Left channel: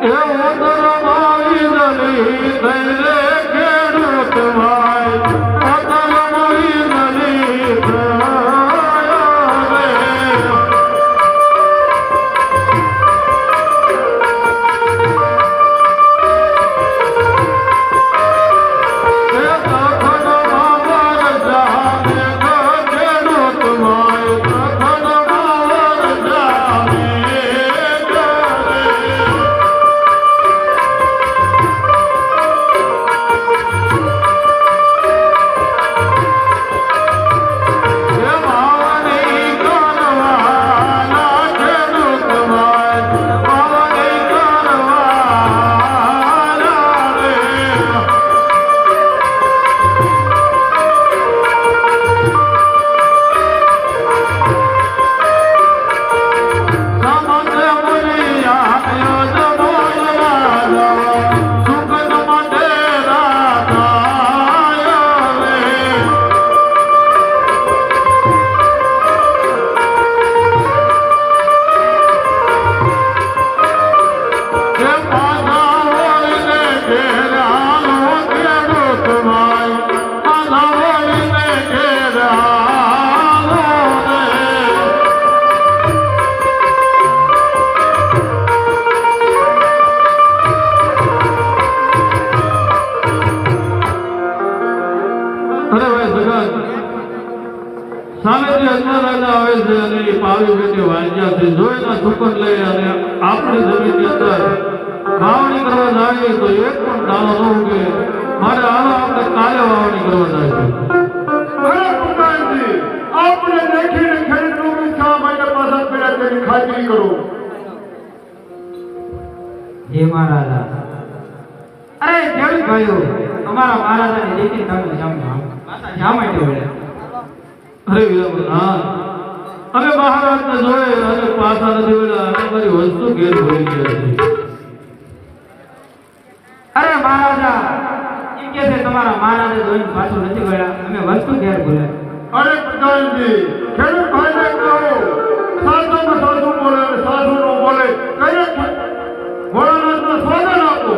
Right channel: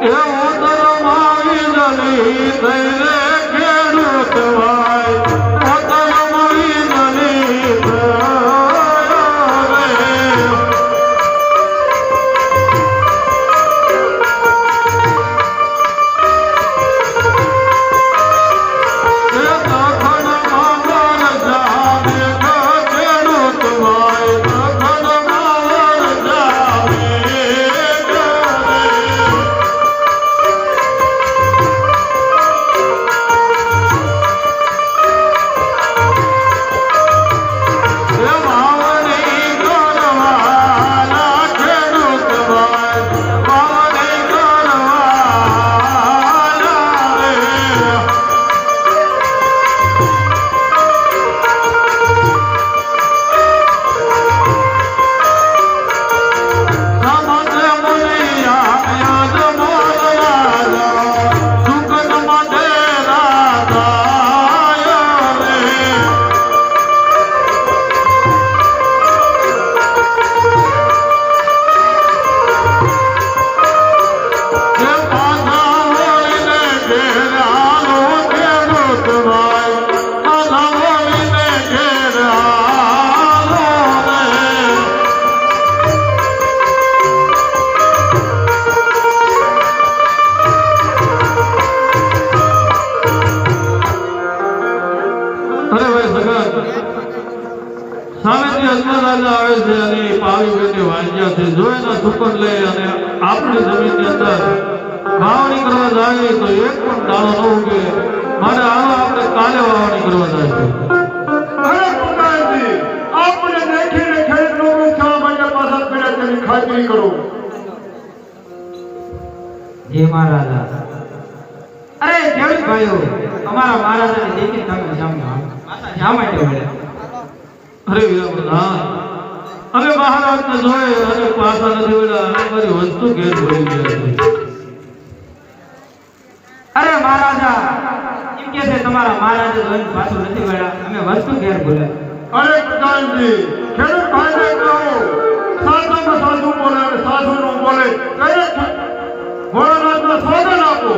જય મહારાજા. અરે ખેડૂત ભાઈઓ, અમારા મહારાજાની દેખી તમે જામાઈ દેવાય. અરે હા, અને મહારાજને જોઈ અને પાછા નથી વેલા અમારી વસ્તુ ઘેર ભરી ગઈ. અરે મહારાજા એમ કે છે તમારા મહારાજા જોઈને પાછું નથી વેલા અમે વસ્તુ ઘેર ભૂલ્યા. અરે પ્રધાનજી, ખેડૂત ભાઈને કહો સાધુનો સાધુ બોલે, સાધુનો બોલે કરે ભોળાનાથનો સ્વાગત આપો.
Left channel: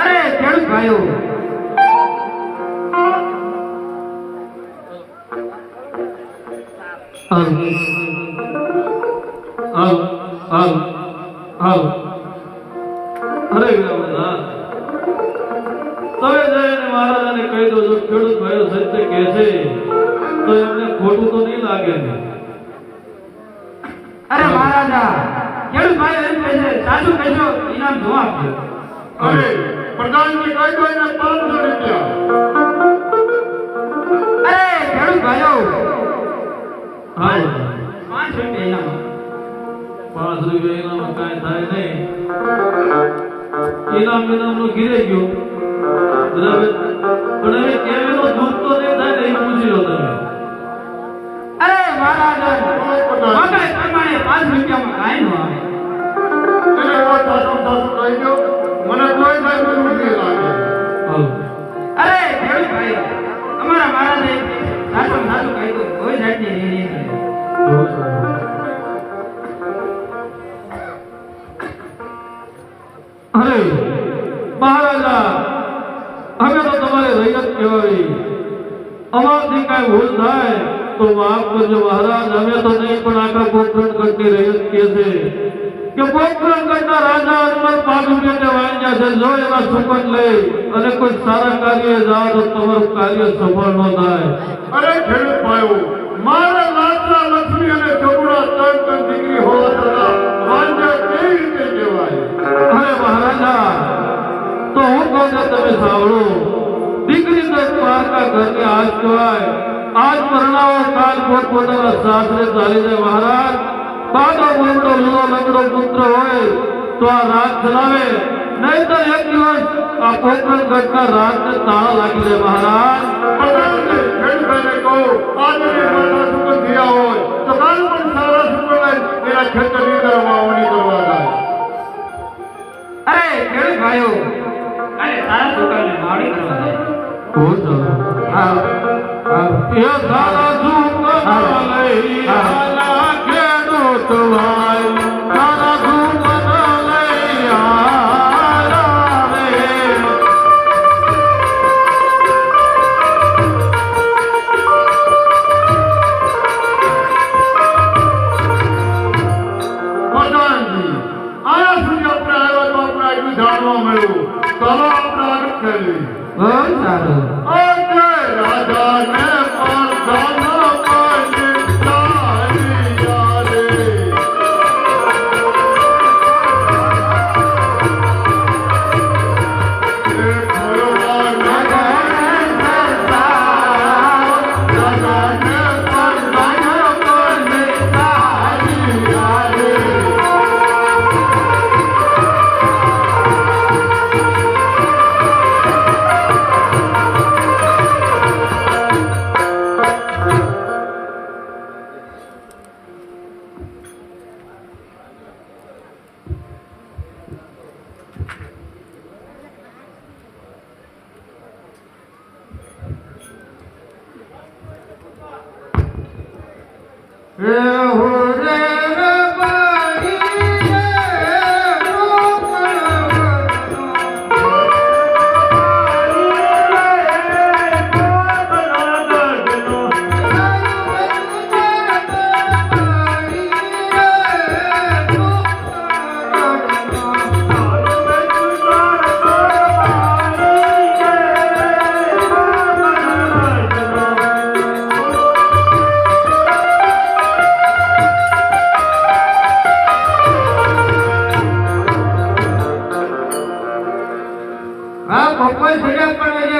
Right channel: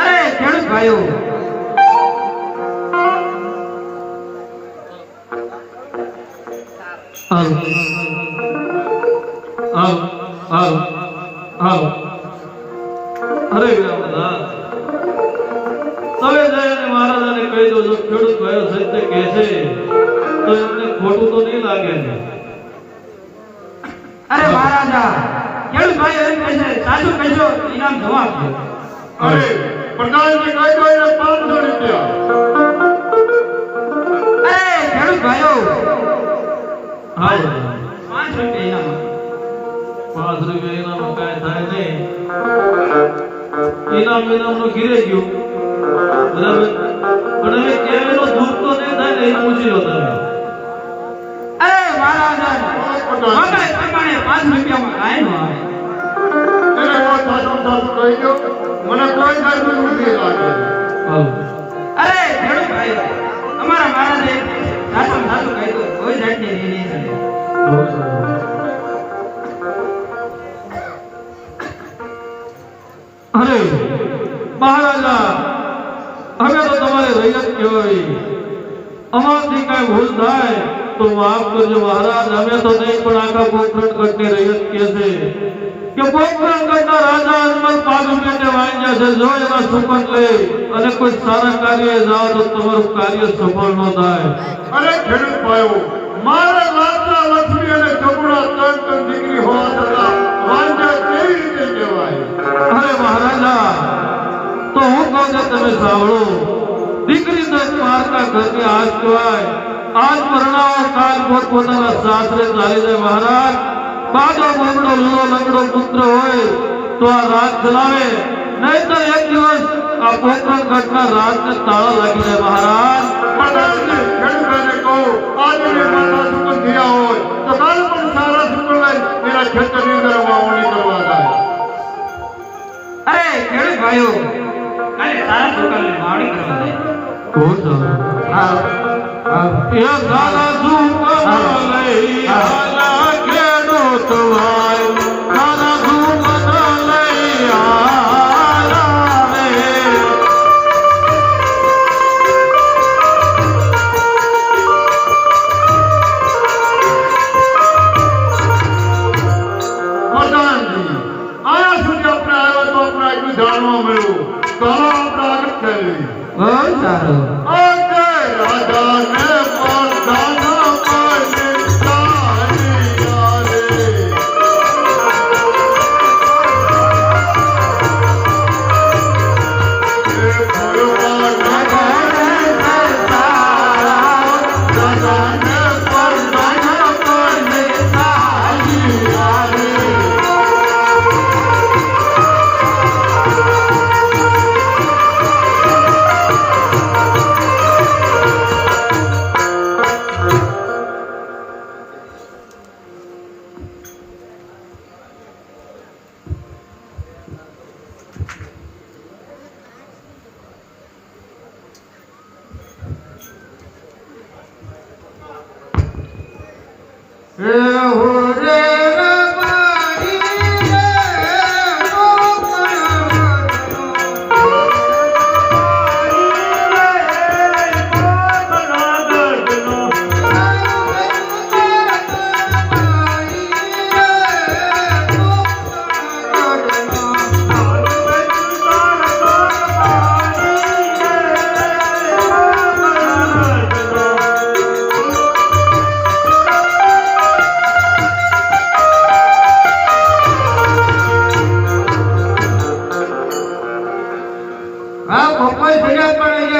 અરે ખેડૂત ભાઈઓ, અરે તમે જઈને મહારાજાને કહી દો, જો ખેડૂત ભાઈઓ સત્ય કહે છે તો એમને ખોટું તો નહીં લાગે ને. અરે મહારાજા ખેડૂત ભાઈઓ એમ કહે છે સાચું કહેજો, ઇનામ જમા આપજો. અરે પ્રધાનજી કહી દો એને 500 રૂપિયા. અરે ખેડૂત ભાઈઓ, હા 500 રૂપિયા ઇનામ. 5 રૂપિયા ઇનામનું કાંઈ થાય નહીં. ઇનામનું ઘીરે ગયું બરાબર, પણ હવે કેવેલો દૂધ તો નહીં થાય ને, એને પૂછી લો તમે. અરે મહારાજા મગાઈ પ્રમાણે 5 રૂપિયામાં કાંઈ ન આવે. એને વાત સાચું સાચું કહી દો, મને કોઈ સાચું નથી લાગે. અરે ખેડૂત ભાઈ, અમારા મહારાજે સાચું સાચું કહી દો, કોઈ જાતની નહીં ચડે. અરે મહારાજા, હવે તો તમારે રૈયત કહેવાય. અમારથી કાંઈ ભૂલ થાય તો માફ કરજો મહારાજ. અમે તો નહીં, પણ આખા પોખરણગઢની રૈયત કહે છે કે પોખરણગઢના રાજા અનમલ 5 રૂપિયા વાંચ્યા છે. જો એના સુપન લઈ અને કોઈ સારા કાર્ય જાઓ તો તમારું કાર્ય સફળ ન થાય. અરે ખેડૂત ભાઈઓ, મારા માતા લક્ષ્મી અને ચપડા ત્રણ દીકરી હોવા છતાં વાંધા કેવી રીતે કહેવાય? અરે મહારાજા, તો હું કહું છું તમે સાંભળો. દીકરી તો દ્વારકા ઘરની આજ કહેવાય. આજ પરણાવો, કાલ પોતપોતાના સાસરે ચાલી જાય. મહારાજ, બાજો બોમડો લુલો લંગડો પુત્ર હોય તો આ રાત ચલાવે, નહીં તો એક દિવસ આ પોખરણગઢના રાજને તાળા લાગી જાય. મહારાજ પ્રધાનજી, ખેડૂત ભાઈને કહો આજે માતા સુકન થયા હોય તો કાલ પણ સારા સુકન લઈ એના ખેતરની અંદર વાવણી કરવા જાય. અરે ખેડૂત ભાઈઓ, કાલે સારા સુકાલને વાવણી કરવા જાય. બહુ સારું. હા એ સારા સુપન લઈ આલા કે સારું આજે રાજાને પરધાનો પાડી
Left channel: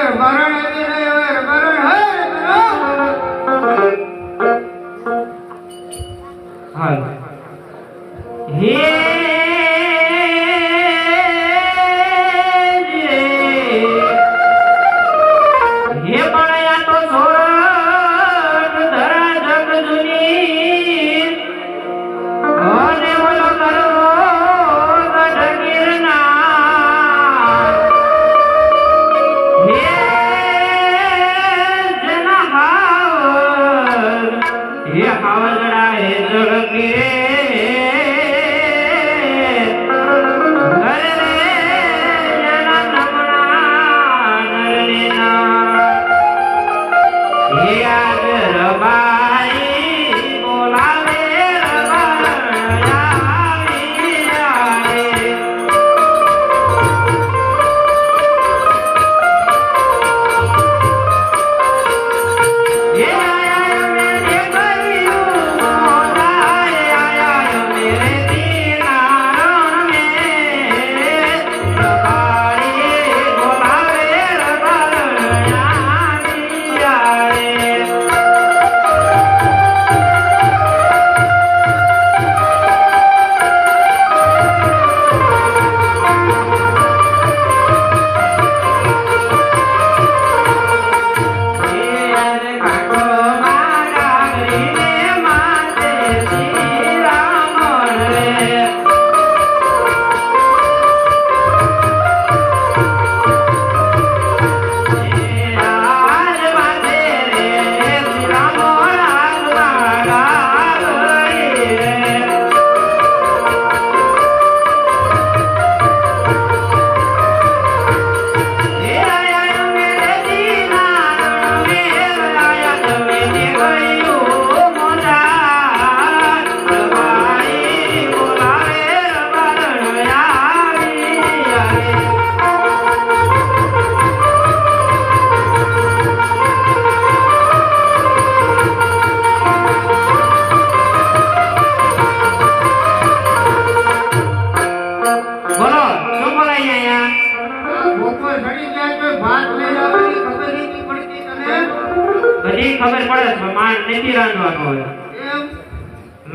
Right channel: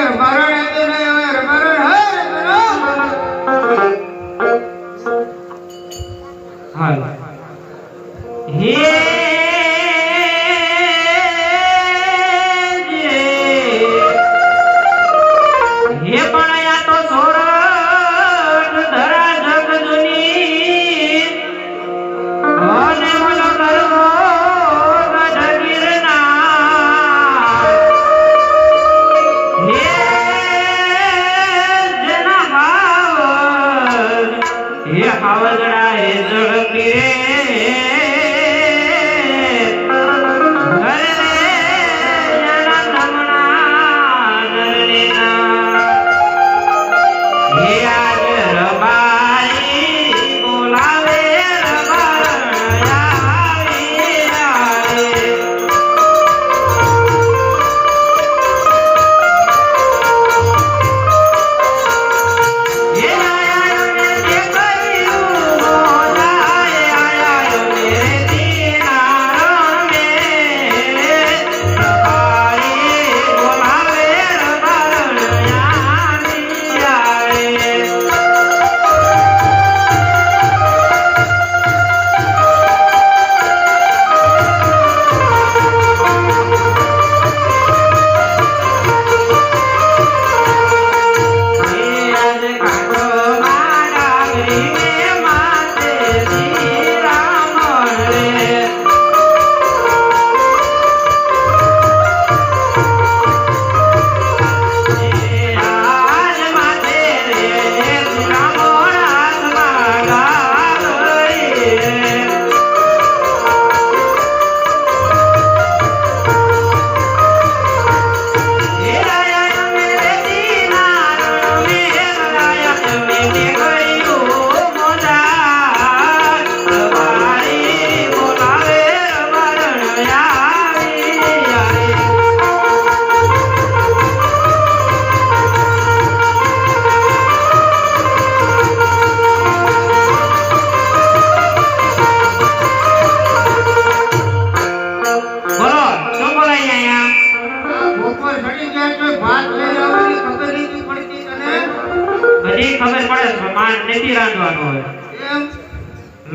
તારી યારે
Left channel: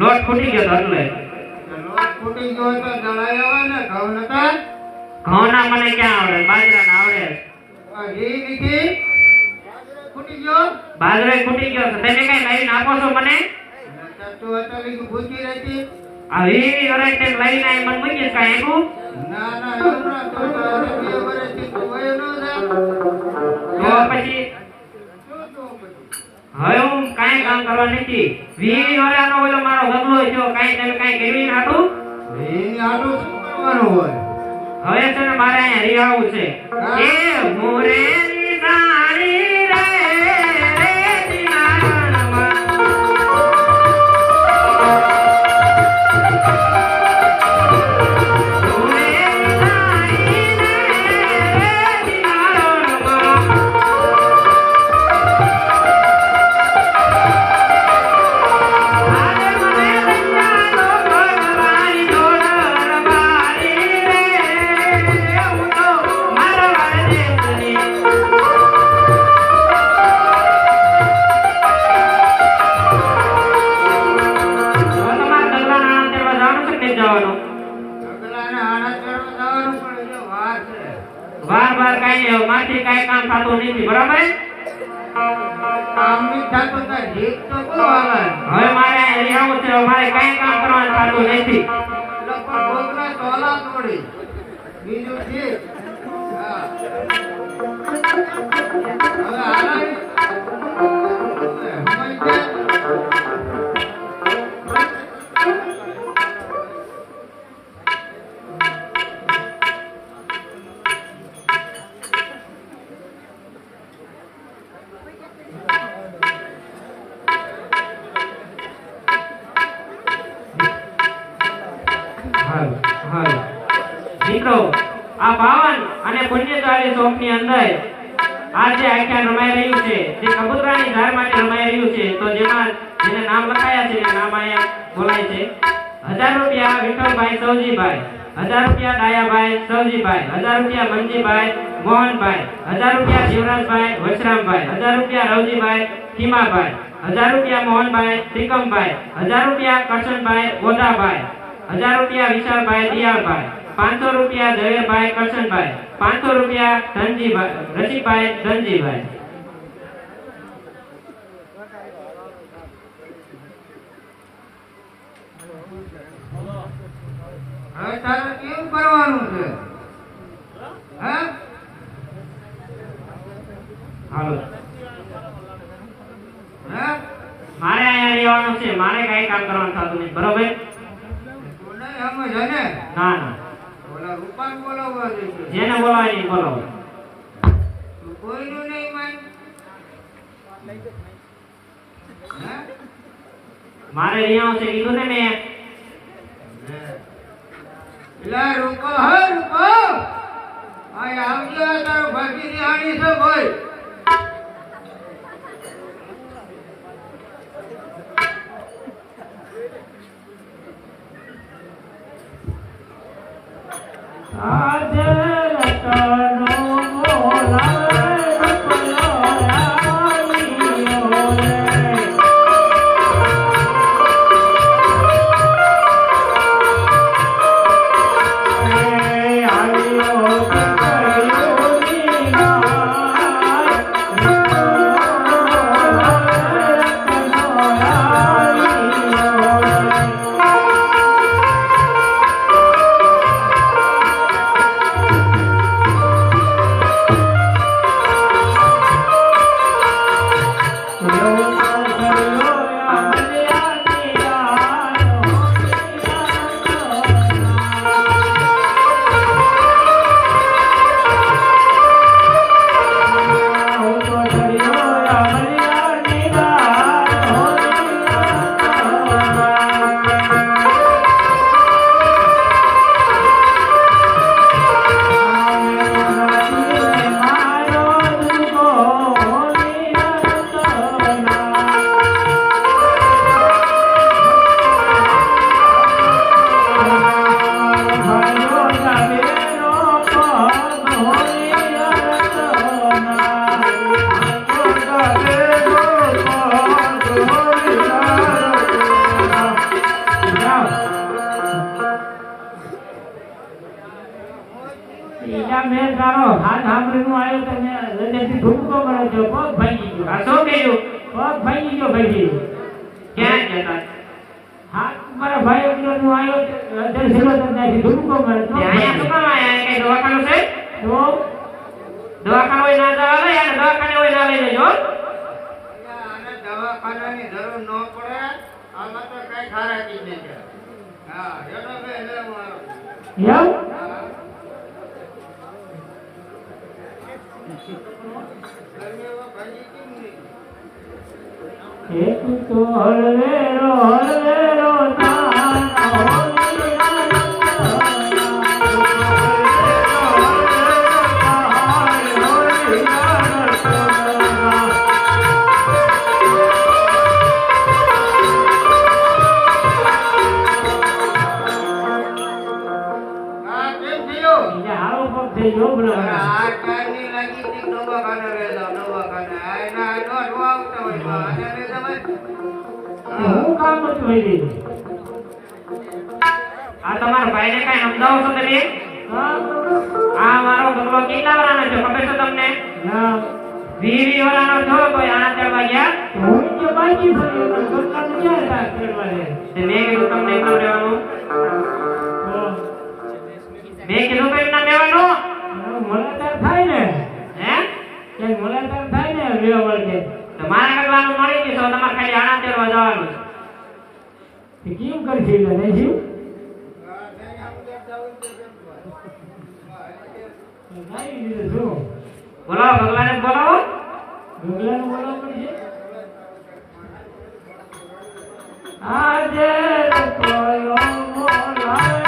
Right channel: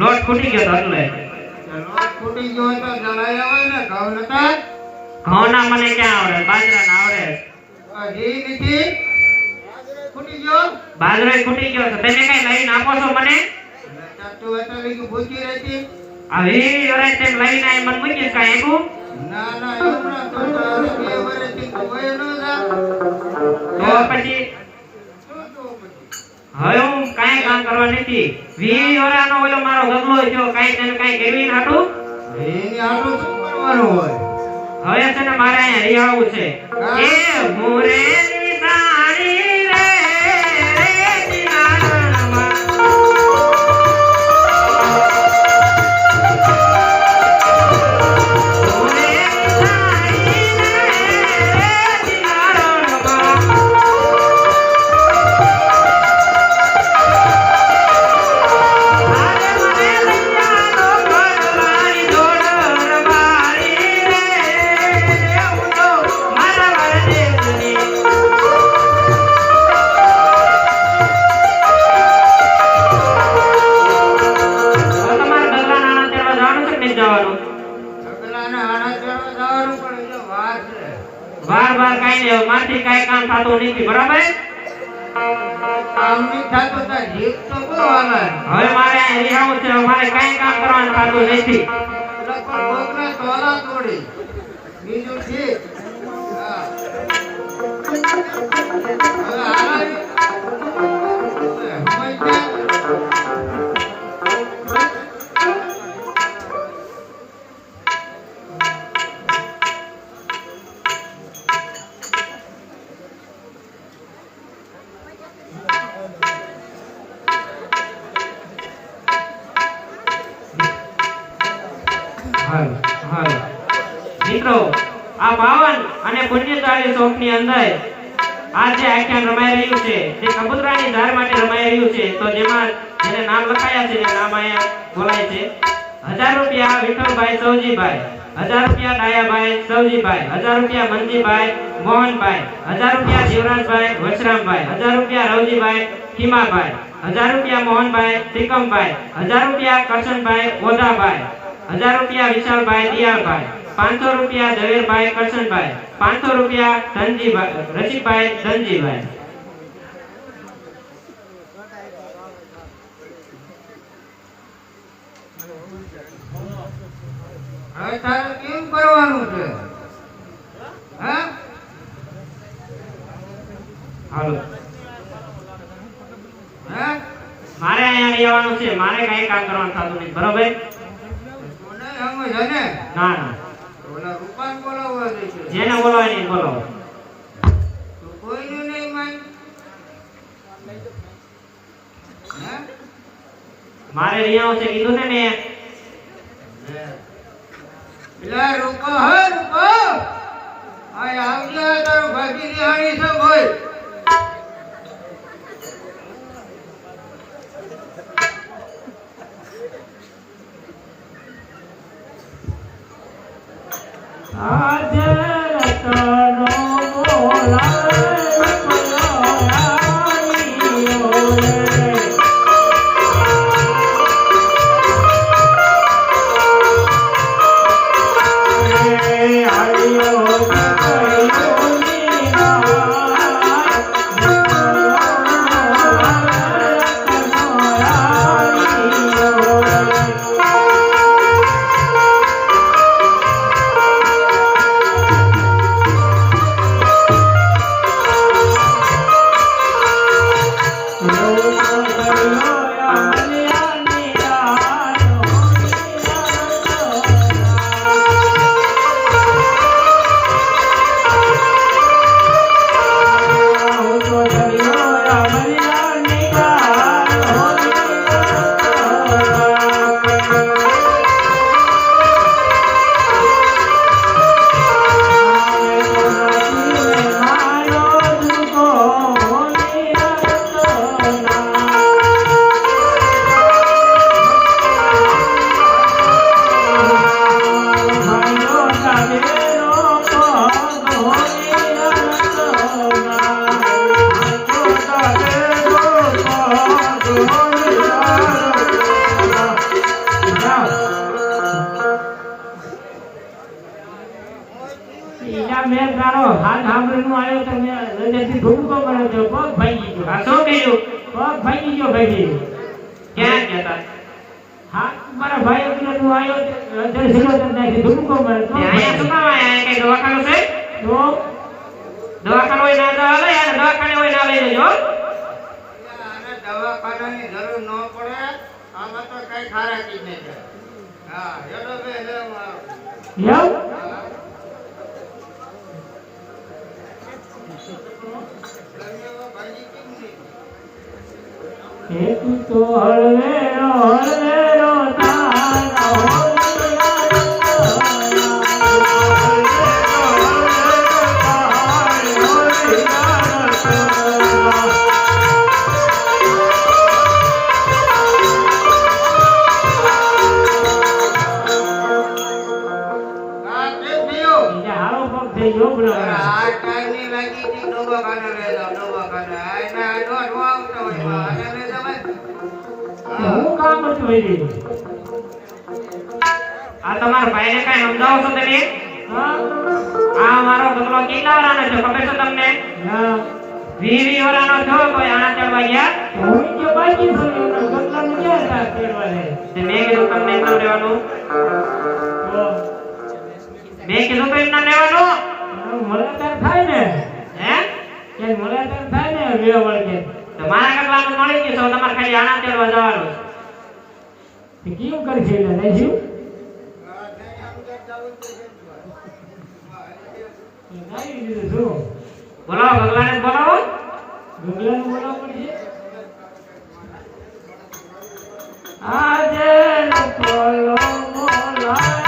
લોટ ફૂટી ગયો તો એટલે લોટ ફૂટી ગયો તો દવાઈ આવે ને ઘઉં નતા ઘઉંના મને ક્યાં આવડે બાજરાના આવડે ઈ દીધી ફૂટી ગયો બાજરો ફૂટી ગયો તો તેને કઈ લઈને આપો છો મને તું અટલી કે ભૂખી રહેતી આ ઈ ઓરે તે લઈને મને મૂકી કાઈ આપ્યું ના ના એવું ના તો તારે બે વર્ષથી કોઈ નો જા તો પછી હવે હું કાઈ કામ કરવા નથી 20 વર્ષનો ઓલો મારો ગમલો થયો કાઈ તને કાઈ કેવી નાટું એની આટલું શું કરવાનું હોય હવે છે ને મારે અહીંયા રિહાવું છે એ મોરેની સાડી રે રે દિનારમાં મોરેની સાડી રે રે દિનારમાં કરવાનું થતું નથી, બરાબર? કામ નહીં થતું તો રીત તો બહુ આવે. હવે મારે રિહાવું છે, મારે કઈ કામ કરવાનું થતું નથી. લોકો ડોકરા તોલા તોડી. બીજું ઠીક. હા. હવે હાલ. મિત્રો, આ પાવન અને પુણ્યશાળી શોખની અંદર આ જે આખ્યાન રમાઈ રહ્યું છે, જે કબૂતરાની ધાર માટે રમાઈ રહ્યું છે, તો જેમાં જેને નામ લખાયા છે એ નામ અહીંયા બોલાય છે. 1000 રૂપિયા વિઠ્ઠલભાઈ સૌજીભાઈ, 1000 રૂપિયા ડાયાભાઈ સૌજીભાઈ, 1000 રૂપિયા મંજીભાઈ મોહનભાઈ, 1000 રૂપિયા જીવરાજભાઈ વશરામભાઈ, 1000 રૂપિયા રવજીભાઈ ખીમાભાઈ, 1000 રૂપિયા મોહનભાઈ ત્રિકમભાઈ, 1000 રૂપિયા કરશનભાઈ ઓધાભાઈ, 1000 રૂપિયા વિશાલભાઈ દિયાળભાઈ, 500 રૂપિયા જયરભાઈ કરશનભાઈ, 500 રૂપિયા ધનજીભાઈ રસિકભાઈ ધનજીભાઈ. હવે તારે કેમ કરવાનું છે? હા? હાલો, હા? મારે અહીંયા રહેવાનું છે, મારે કઈ કામ કરવાનું થતું નથી, બરોબર? કોને સમજ હે ને? ના ના, ઓલા રૂપાન બોલાવવા દેજો. જેને બોલવાય એને બોલાવો. તું કોઈનું નહીં માન. હા? મારે રહેવાનું છે કીધું ને મેં. પેલા રૂપા હે રૂપા. આ આવજે તારો ભાગી નિહાળી છે ભાઈ. દવાખાનાની જરૂર ન પડે. આમાં તો કઈ ખારાકી નહીં કરે. હા, એનો બે તો હળવેરો હળવેરો આ તમારા ભાઈને કઈ સમજાવો છો તમે? આ મારો બગલો કેટલા વાળાનો છે ખબર છે તમને? વીવી વાળાનો જો કોઈ આણા ચડવા ગયા હું કે બાકી છું એનો પોતાનું ક્યાં થાય કરવા રે તે મેં કીધું તમને એમ લેવાનું મેં કીધું તો એમ ના લેવાનું મોલાદાર થાય ને હે કે મોલાદાર થાય ને વ્યવહાર કે તો મારા કરવાનું મળી ગયું તો તમારે ખાલી આણા ચડવા જવાનું તે કેમ કરશે એટલે નહીં શું ગાઈ દીધું શું બોલાવો ભગવાન બોલાવો ભગવાન બોલાવો પડશે આજે બોલો બોલાય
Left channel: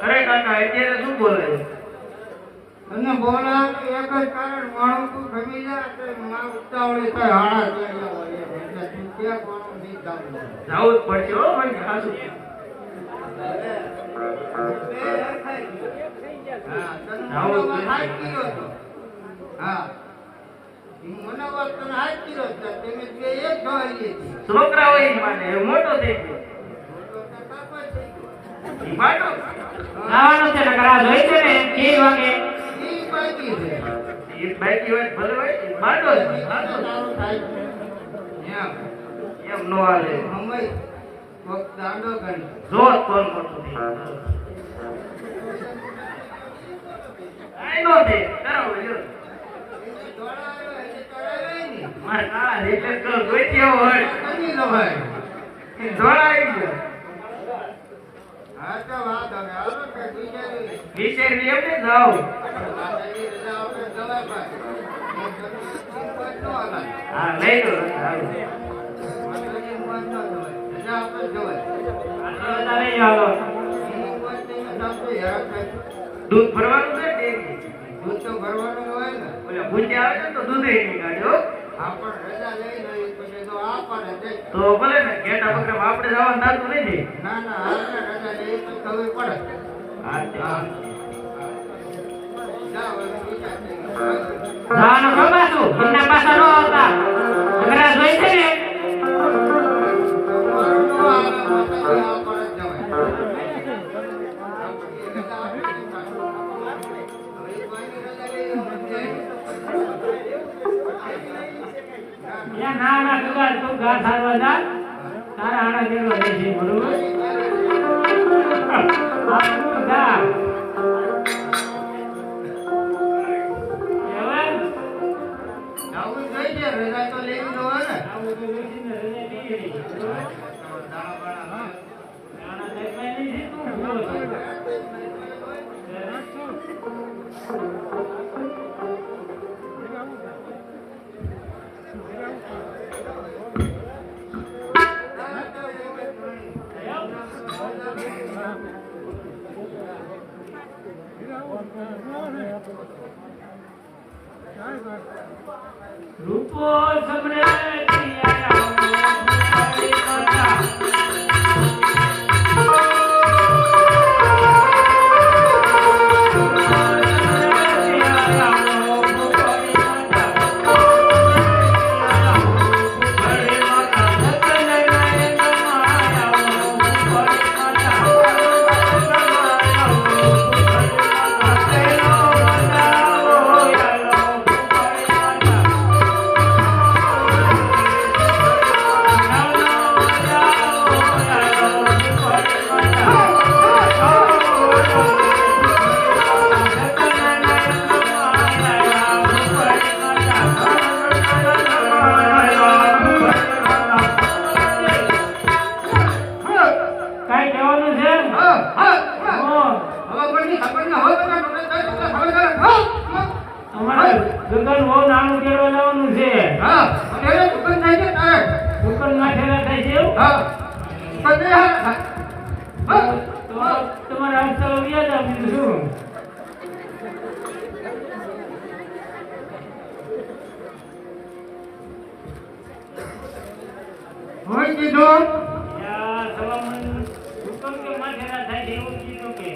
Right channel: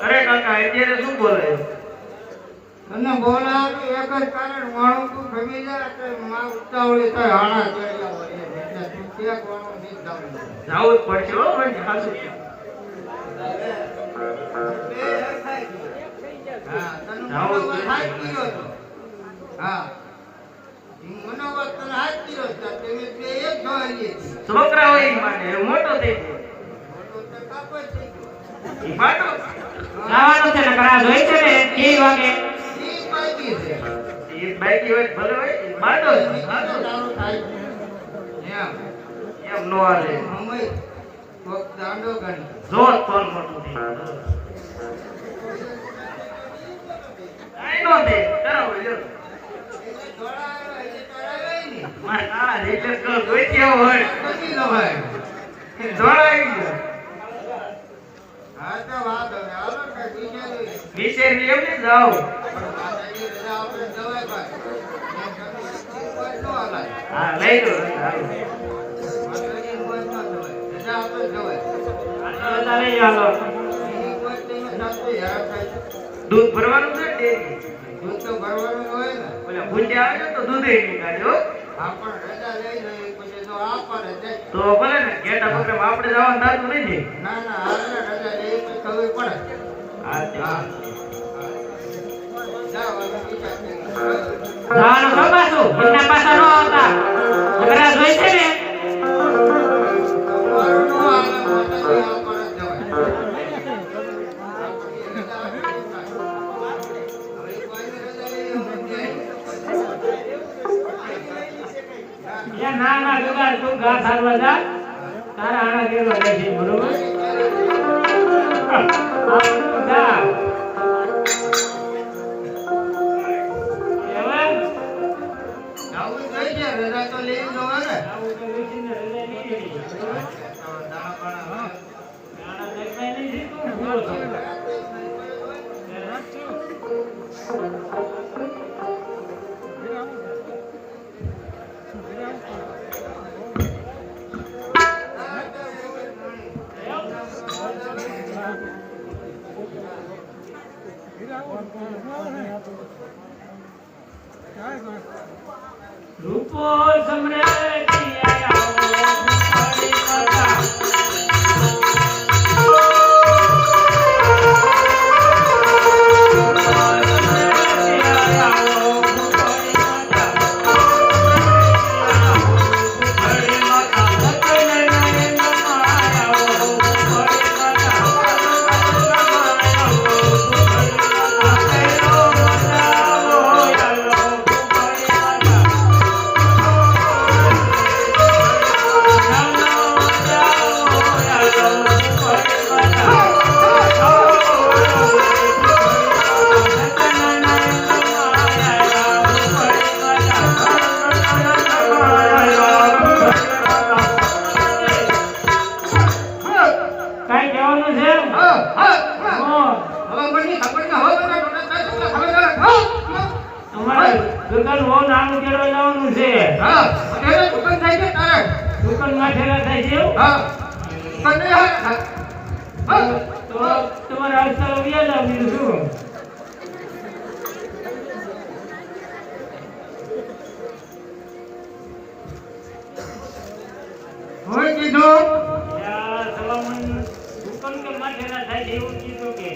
અરે કાકા અત્યારે શું બોલે તને બોલા કે એક જ કારણ માણું તું ગમી જાય કે માં ઉતાવળી થાય હાણા ચડ્યા હોય એટલે તું કે કોનો નહીં જાવું જાવું જ પડશે હો મને હાસુ હા તને મનાવવા થાય કીયો તો હા ઈ મનાવવા તને હાથ કીયો તો તમે બે એક જોઈ છોકરા હોય ઈ માને એ મોટો થઈ ગયો મોટો તો કાકો થઈ ગયો ઈ માટો નાવાનો છે નકર આ જોઈ છે ને કે વાગે ઈ બાકી છે ઈ બાઈકી હોય ભલે હોય ઈ માટો કાકો તારો થાય એમ નો હાલે મમ્મી કોક દાંડો ગણ જો તોલ મોટો થઈ ગયો આઈ નો દે કરાવો લ્યો દોડા આવે એટલે ચડાવે નહીં મારા કાળા રેચર કરો જોઈ કેવો હોય કમી લો ભાઈ જોડાઈ ગયો હા તો વાત હવે હાલો કે બીજે જોઈએ વિશેષ એમ ને જાઓ માતાજી રજા આપણે જવાય ભાઈ કોઈ નો આલાય હા લઈ લો માતાજી મન ન જવાય રજા આપણે જવાય આ લઈ આવો એની કોઈ તમે સાચું યાદ થાય દૂધ ભરવાનું છે ડેરી દૂધ તો ભરવાનું હોય ને ઓલા ભૂંડે આવે છે તો દૂધે નહીં કાઢ્યો આપણે રજા લઈ લઈએ પછી તો આપણે જઈ તો ભલે ને ઘેટા પ્રોગ્રામ આપણે જવાનું થતું નથી ના ના હાલને રજા લઈએ તો ખબર પડે હા તે હા જાઓ હવે બીજા થઈ જવાનું ખબર છું ઘરના પાછા ન આવતા નકરા જોઈ છે ને એ ના ના ગગા તું ઘા સારવા જા તારા આણા કેવા જાય છે બરોબર જા હવે આવું થઈ જાય રજા તો લઈ લો ને આવું તો વેચીને રજા લઈ લેવી આણા દેખાય નહીં તું ભૂલો છે રૂપો સમરે અને તો તમારે આજકાલ વ્યાજ આપીને શું હું કીધું સલામન હુકમ કે માથેરા થાય એવું કીધું કે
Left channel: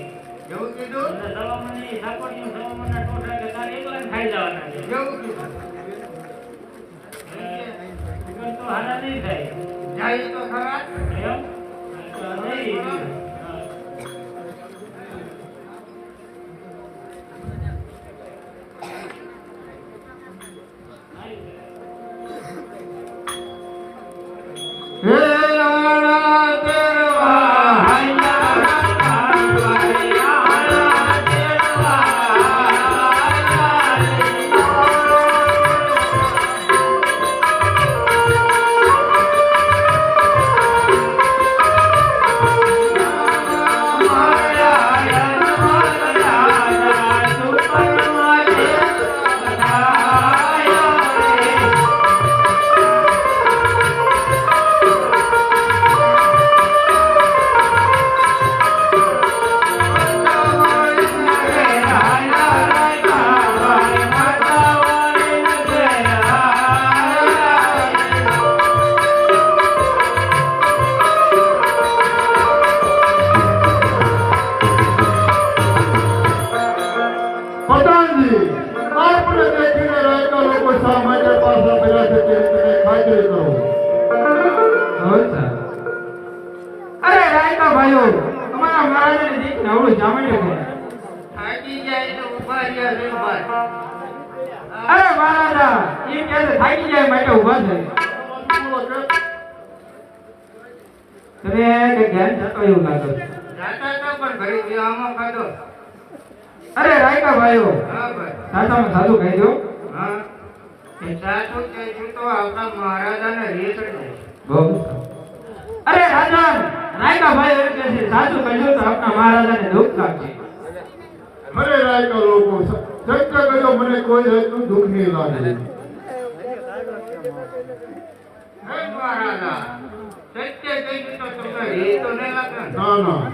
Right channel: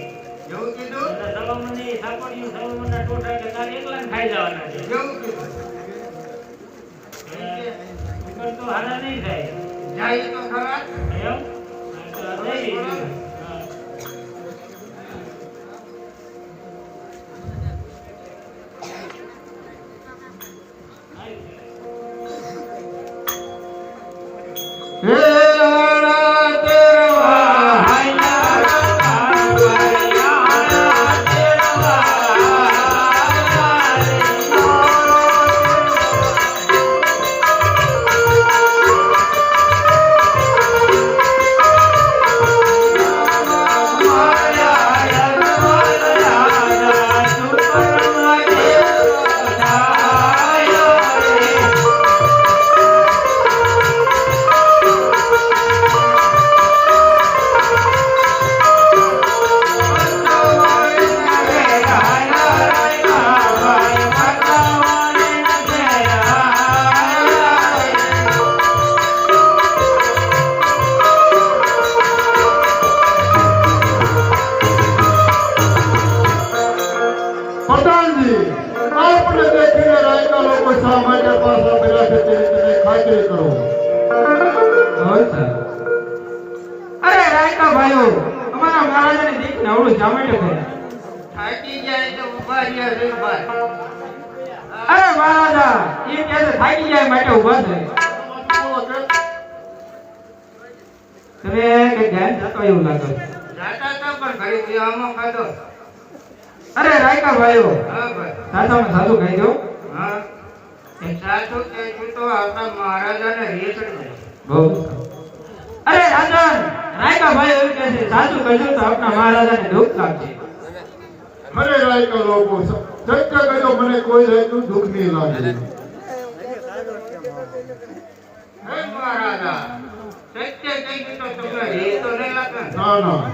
એવું કીધું સલામનની સાપડીઓ સલામનના ટોઠા કે તારે એકલા ખાઈ જવાના છે એવું કીધું હુકમ તો હારા નહીં થાય જાય તો ખરા એમ તો નહીં હે લાલા તેરવા પટાણજી આપણે દેખીને રાયકા લોકો શા માટે પાછા પડ્યા છે તેની તમે ખાતરી કરો અરે રાયકા ભાઈઓ અમારા મહારાજાની દીકરીને આવડું જામેટે ભર્યા થાકી જાય તો ઉભા રહ્યા રે ભાઈ અરે મહારાજા એ કહે છે થાકી જાય માટે ઊભા થઈ તને કે જ્ઞાન જતો એવું લાગે જાતા હતા પણ ઘડી વિહામો કાઢો અરે રાયકા ભાઈઓ હા ભાઈ સાસામાં સાધુ કહી દો હા એ સાચું કે તો આપણા મહારાજાને રેતડી જાય બહુ અરે રાજન રાયકા ભાઈ એવું કહે છે સાચું કહેજો તો આપણા મહારાજાને દુઃખ લાગશે અરે રાયકા લોકો સત્ય કહેજો મને કોઈ જાતનું દુઃખ નહીં લાગે હે મહારાજા સત્ય કહી તો તમને એ તો નહીં લાગે ના ના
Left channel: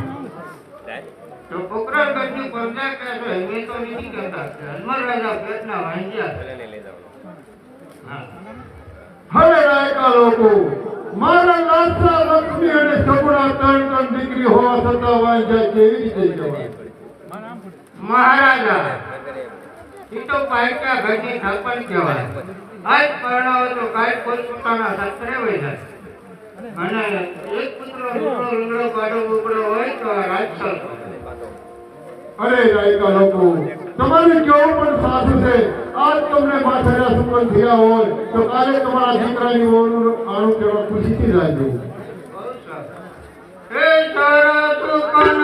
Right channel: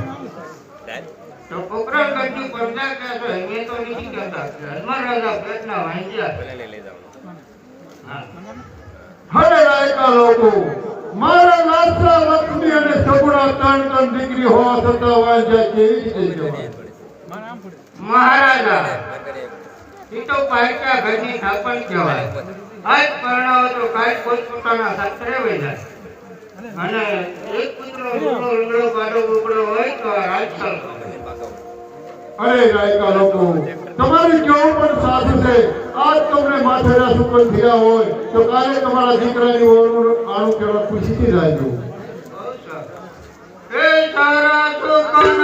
તો પોકરણ ગઢની પ્રજા કહે છે એ તો નથી કહેતા મહારાજા પેટના વાંચ્યા અરે રાયકા લોકો મારા લાસા લક્ષ્મી અને સગુણા ત્રણ દીકરી હોવા છતાં વાંચ્યા કેવી રીતે જવાય મહારાજા એ તો કાયકા ઘરની થાપણ કહેવાય આજ પરણાવો તો કાય કોઈ પોતાના શાસ્ત્રે વહી જાય અને એક પુત્ર લૂગડો લૂગડો કાઢો ઉગડો હોય તો રાજકાલ અરે રાયકા લોકો તમારી કેવું પણ સાથ છે આજ તમને માથેરા સુકન થયા હોય તો કાલે તમારા દીકરાની વહુનું આણું કેવા ખુશીથી રાખજો એ તારા તો કન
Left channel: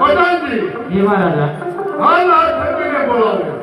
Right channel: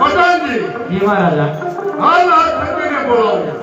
પટાણજી જી મહારાજા હાલ આ છત્રીને બોલાવો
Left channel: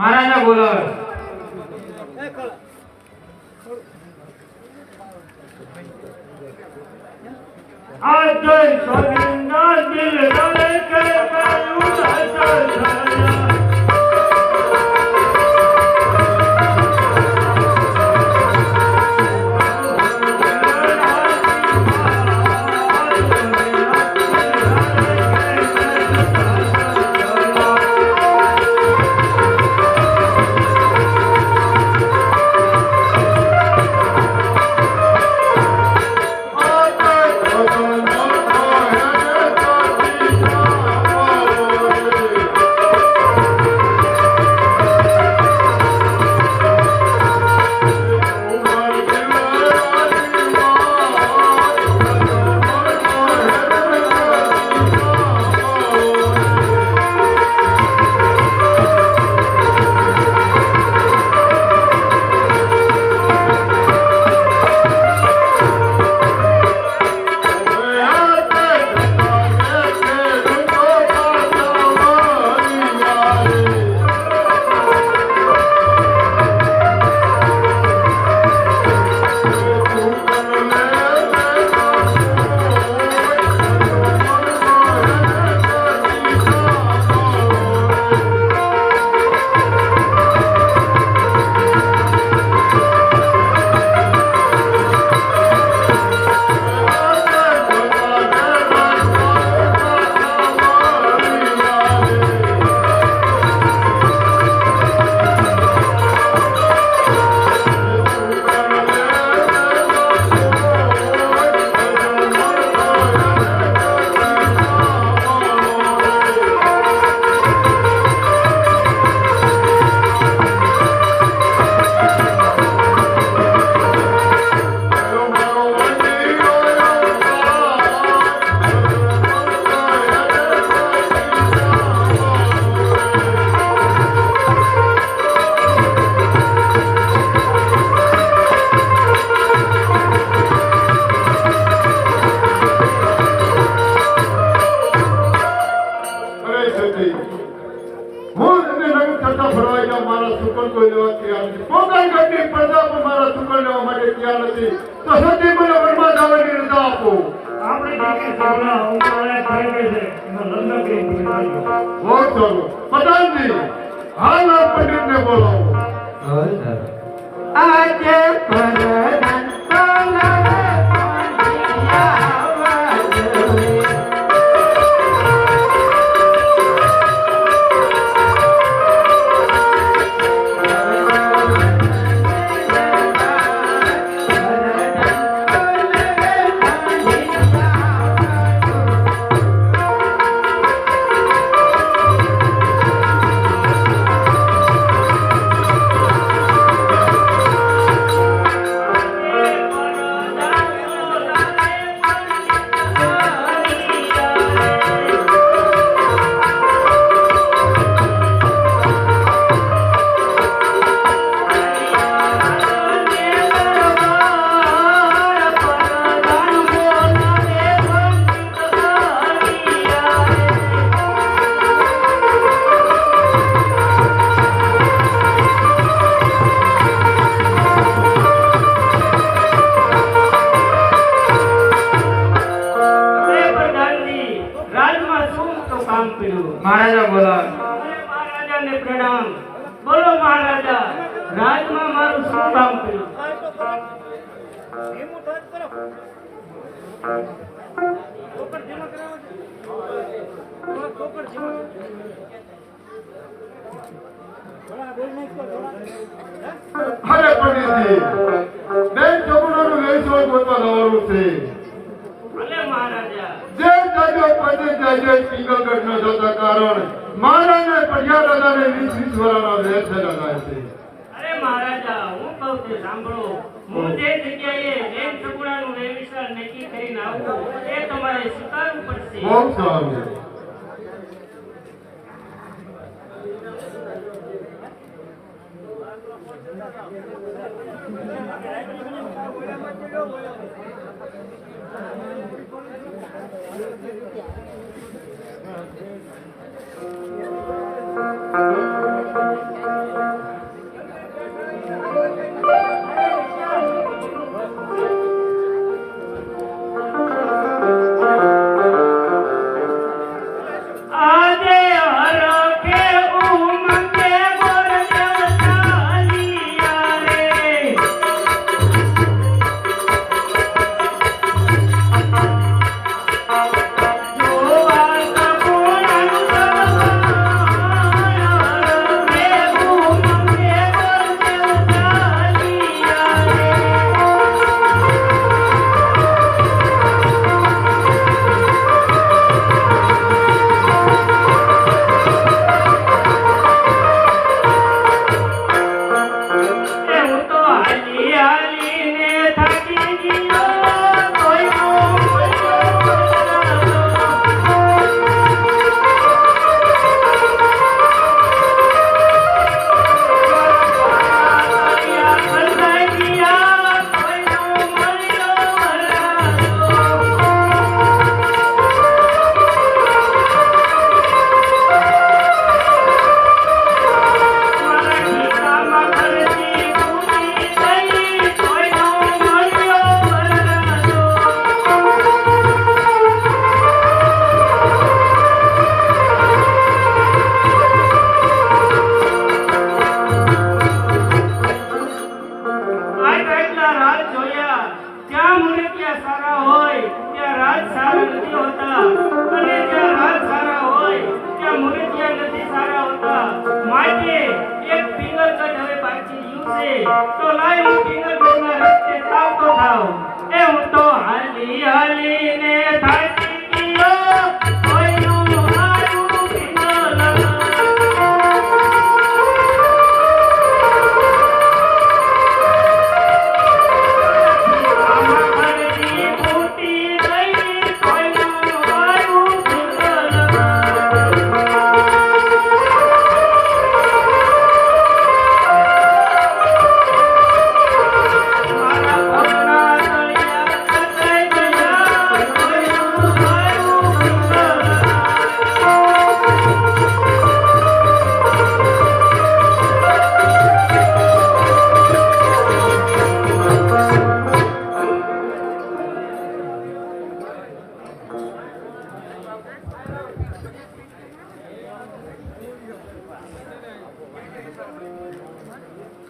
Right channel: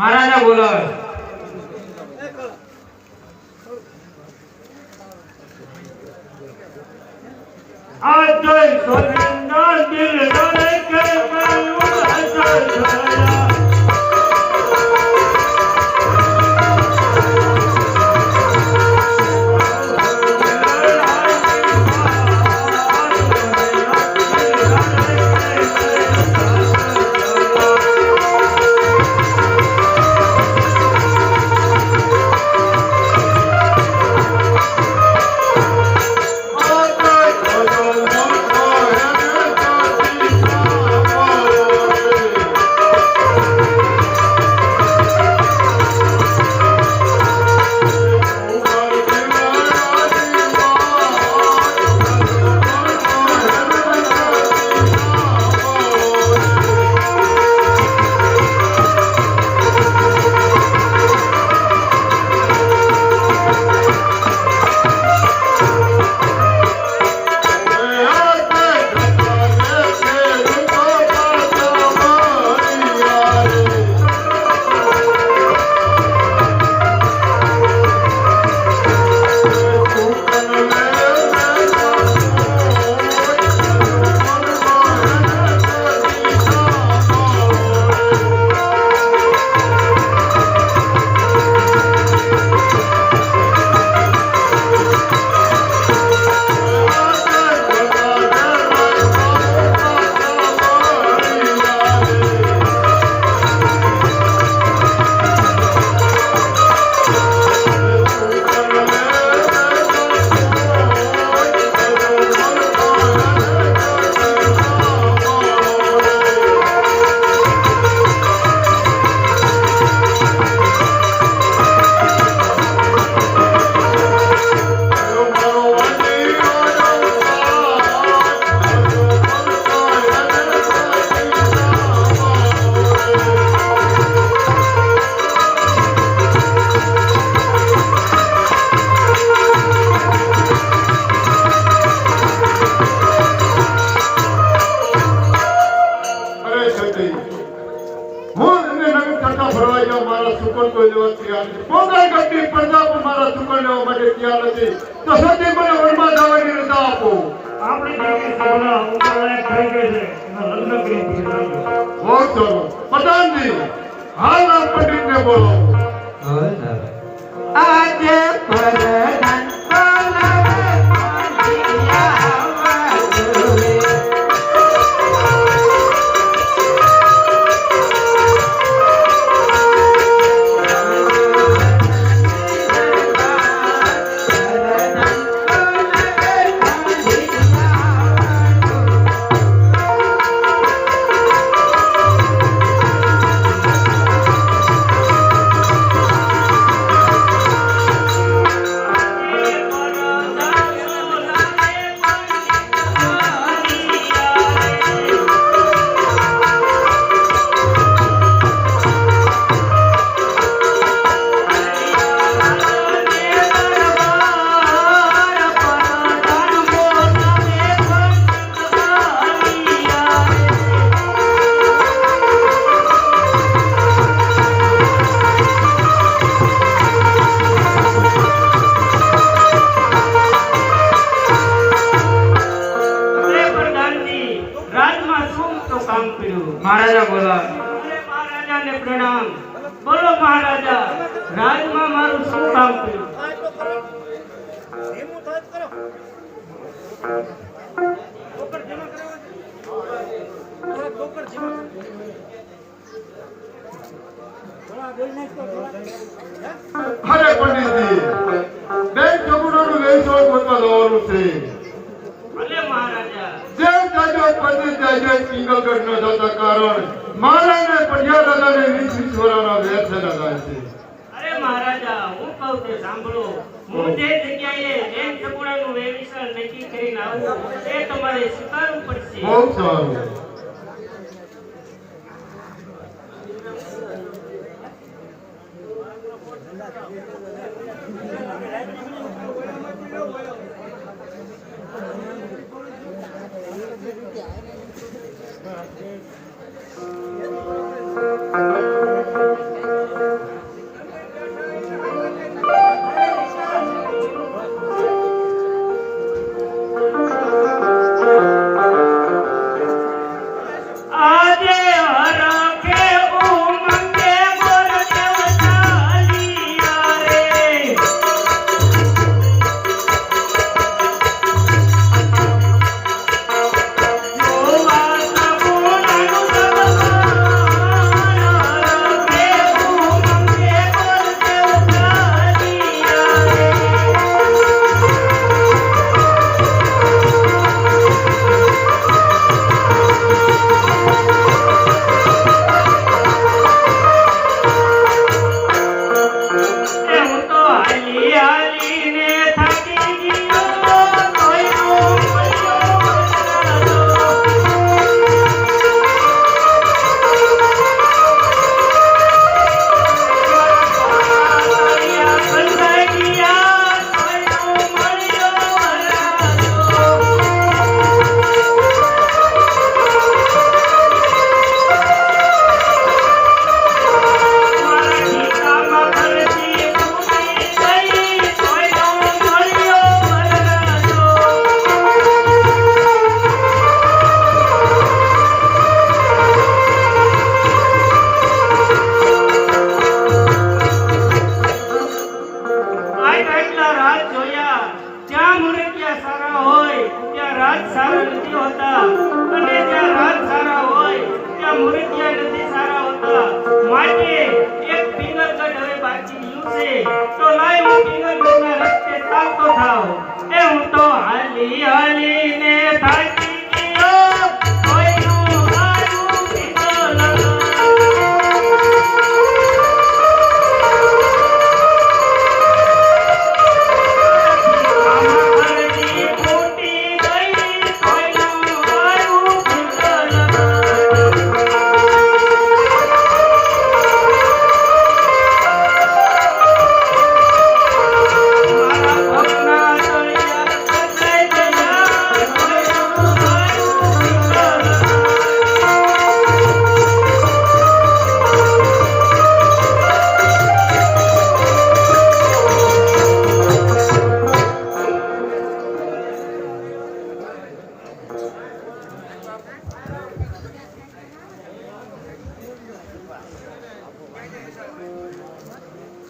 મહારાજા બોલાવે. આ જય સ્વામીના દિલ ડરે કે અરે પંડિતજી, બે છોકરાનું વૈષ્ણવ ગોતા લાવવાનું છે. જેમ જાજો પંડિત જાજો સિંગલગઢ ન જતા કારણ મારાને પઢિયા દાદાને 20 વર્ષના વેર લગાય છે. અરે મહારાજા, હું કહું તે સાંભળો. હું જે જગ્યાએ જૈન સગુણાનું વેવિશાળ નક્કી કરીને આવું એ તમારે સ્વીકારવું પડશે. બહુ સારું.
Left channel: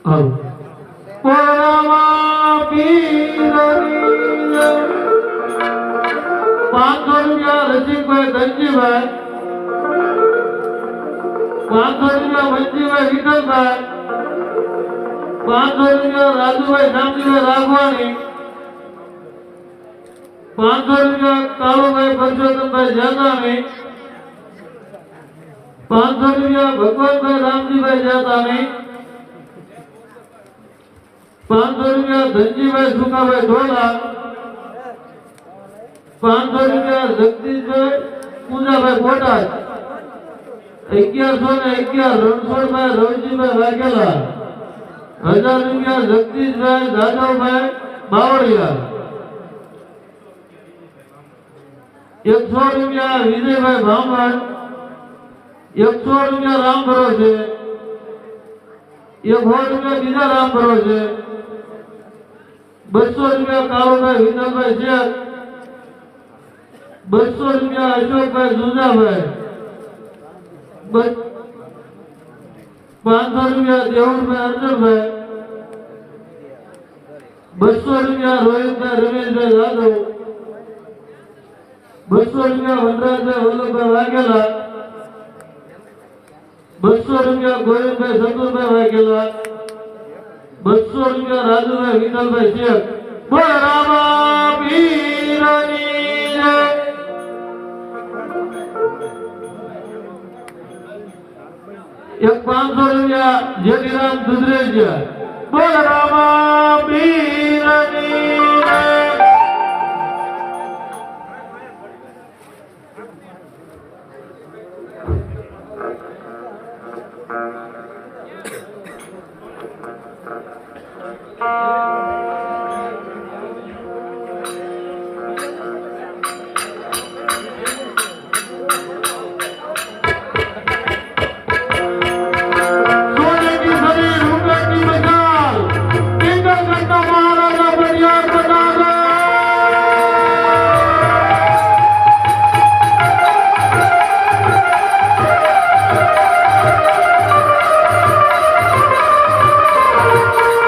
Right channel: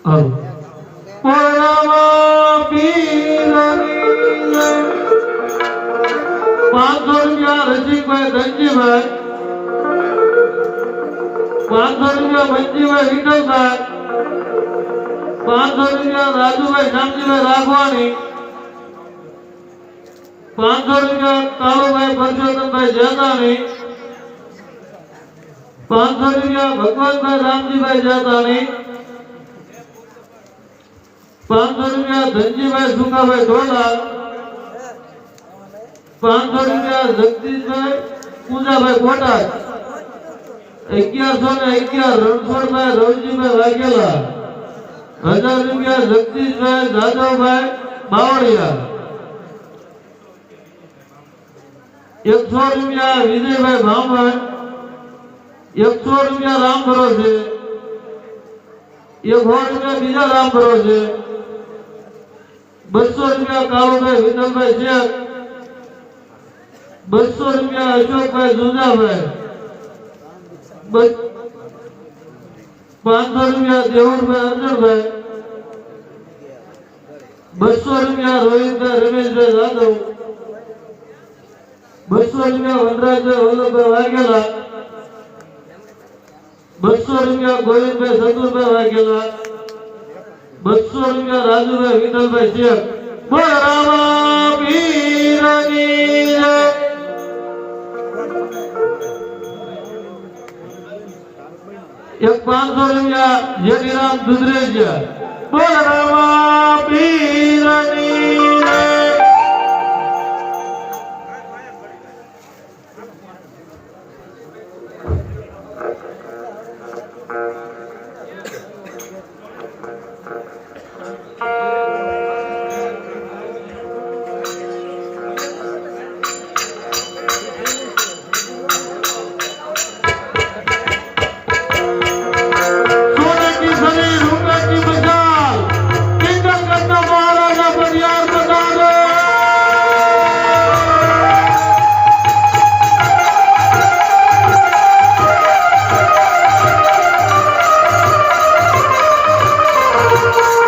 હાલો પોરામા પીરની જય 500 રૂપિયા રસિકભાઈ ધનજીભાઈ 500 રૂપિયા મંજીભાઈ વિઠ્ઠલભાઈ 500 રૂપિયા રાજુભાઈ શામજીભાઈ રાઘવાણી 500 રૂપિયા કાળુભાઈ પરસોત્તમભાઈ જાતાણી 500 રૂપિયા ભગવાનભાઈ રામજીભાઈ જાતાણી 500 રૂપિયા ધનજીભાઈ સુકાભાઈ ઢોલા 500 રૂપિયા જગદીશભાઈ પૂજાભાઈ કોટાર 1111 રણછોડભાઈ રવજીભાઈ વાઘેલા 1000 રૂપિયા જગદીશભાઈ જાદવભાઈ બાવળિયા 100 રૂપિયા વિજયભાઈ ભામભાઈ 100 રૂપિયા રામ ભરોસે 100 રૂપિયા બીજા રામ ભરોસે 200 રૂપિયા કાળુભાઈ વિઠ્ઠલભાઈ શેખ 200 રૂપિયા અશોકભાઈ જુજાભાઈ 500 રૂપિયા દેવુરભાઈ અર્જુનભાઈ 200 રૂપિયા રોહિતભાઈ રમેશભાઈ યાદવ 200 રૂપિયા વનરાજભાઈ વલ્લભભાઈ વાઘેલા 200 રૂપિયા ગોવિંદભાઈ સંતુભાઈ વાઘેલા 200 રૂપિયા રાજુભાઈ વિઠ્ઠલભાઈ શેખ બોલ રામા પીરની જય 500 રૂપિયા જેઠીરામ દુધરેજ બોલ રામા પીર